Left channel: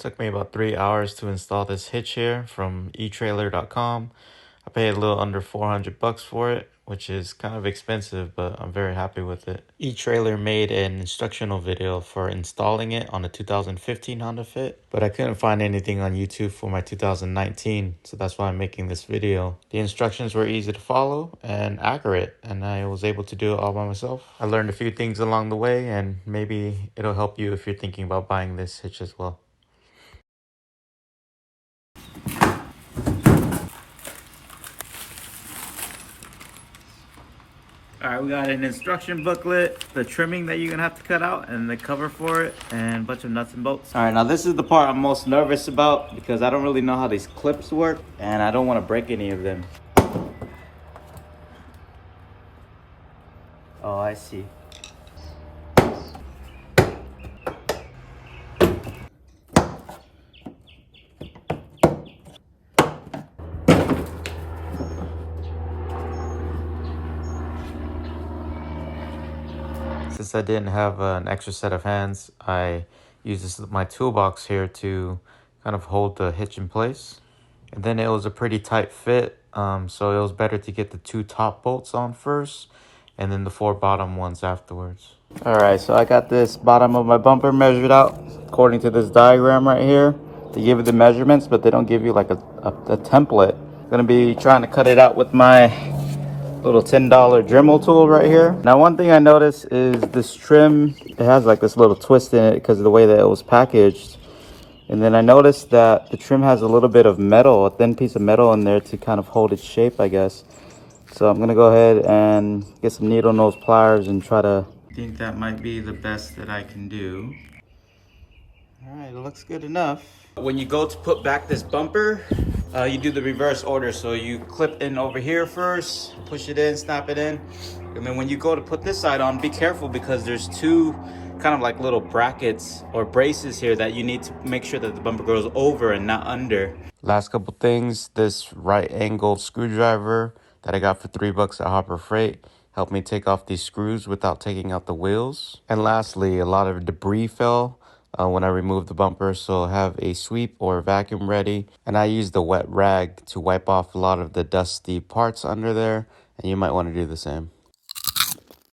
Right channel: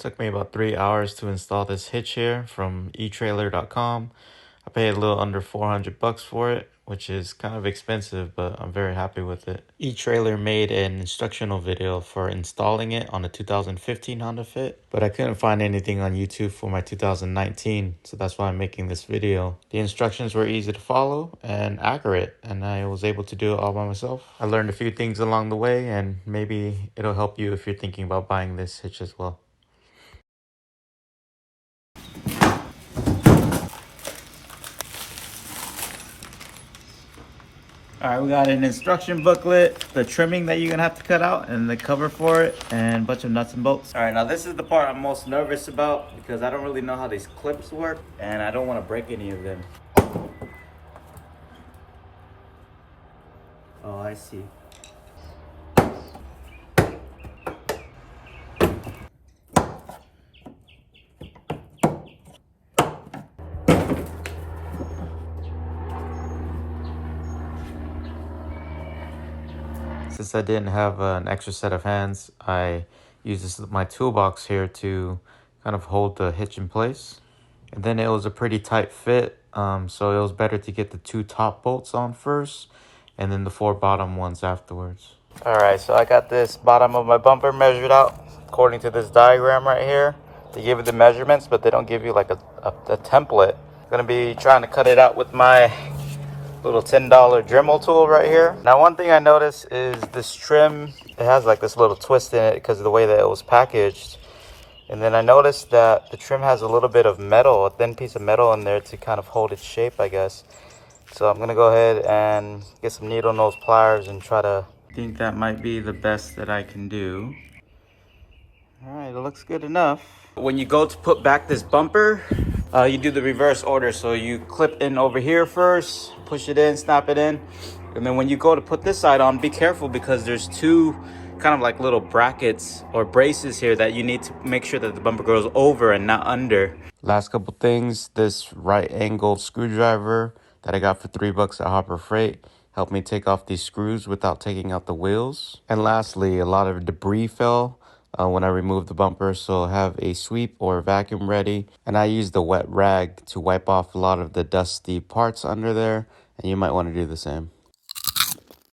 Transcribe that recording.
Took me about 3 hours to install this hitch here from etrailer.com. I paid a little under $400 for it, which is kind of expensive, but I'm very happy with it. eTrailer made an instructional video for installing it on a 2015 Honda Fit, but I couldn't find anything on YouTube for my 2019, so that's why I'm making this video. The instructions were easy to follow and accurate, and I was able to do it all by myself. I learned a few things along the way, and maybe it'll help you if you're thinking about buying this hitch as well. All right, we got an instruction booklet, the trimming that you're gonna have to cut out, and the cover for it, and a bunch of nuts and bolts. All right, now this is the part I'm most nervous about because I don't really know how these clips work, and I don't want to break any of them. Oh, I see. Since I didn't have an extra set of hands, I used my toolbox here to kind of hold the hitch in place. And then it was a pretty tight fit, so it was better to get the 2 top bolts on first, and then the 4 bottom ones afterwards. All right, so I got this bottom of my bumper measured out according to this diagram right here. They give you the measurements, but they don't give you like a template. I'm gonna be trying to cut it out with my little $10 Dremel tool right here. Now, one thing I noticed is this trim, it has like this little twist in it because of the way that it was packaged. And then I noticed that the trim has a little bit of metal, a thin piece of metal in there to kind of hold its shape, I guess. So I'm gonna go ahead and get some needle nose pliers and try to, I think that might be the best that I can do. All right, it looks good enough. When you go to put back this bumper, you do the reverse order. So you clip in over here first, push it in, snap it in. And then when you go to put this side on, be careful because there's 2 kind of like little brackets or braces here that you need to make sure that the bumper goes over and not under. Last couple things, this right angled screwdriver that I got for $3 at Hopper Freight helped me take off these screws without taking out the wheels. And lastly, a lot of debris fell when I removed the bumper, so have a sweep or vacuum ready. And I used the wet rag to wipe off a lot of the dusty parts under there, and you might want to do the same.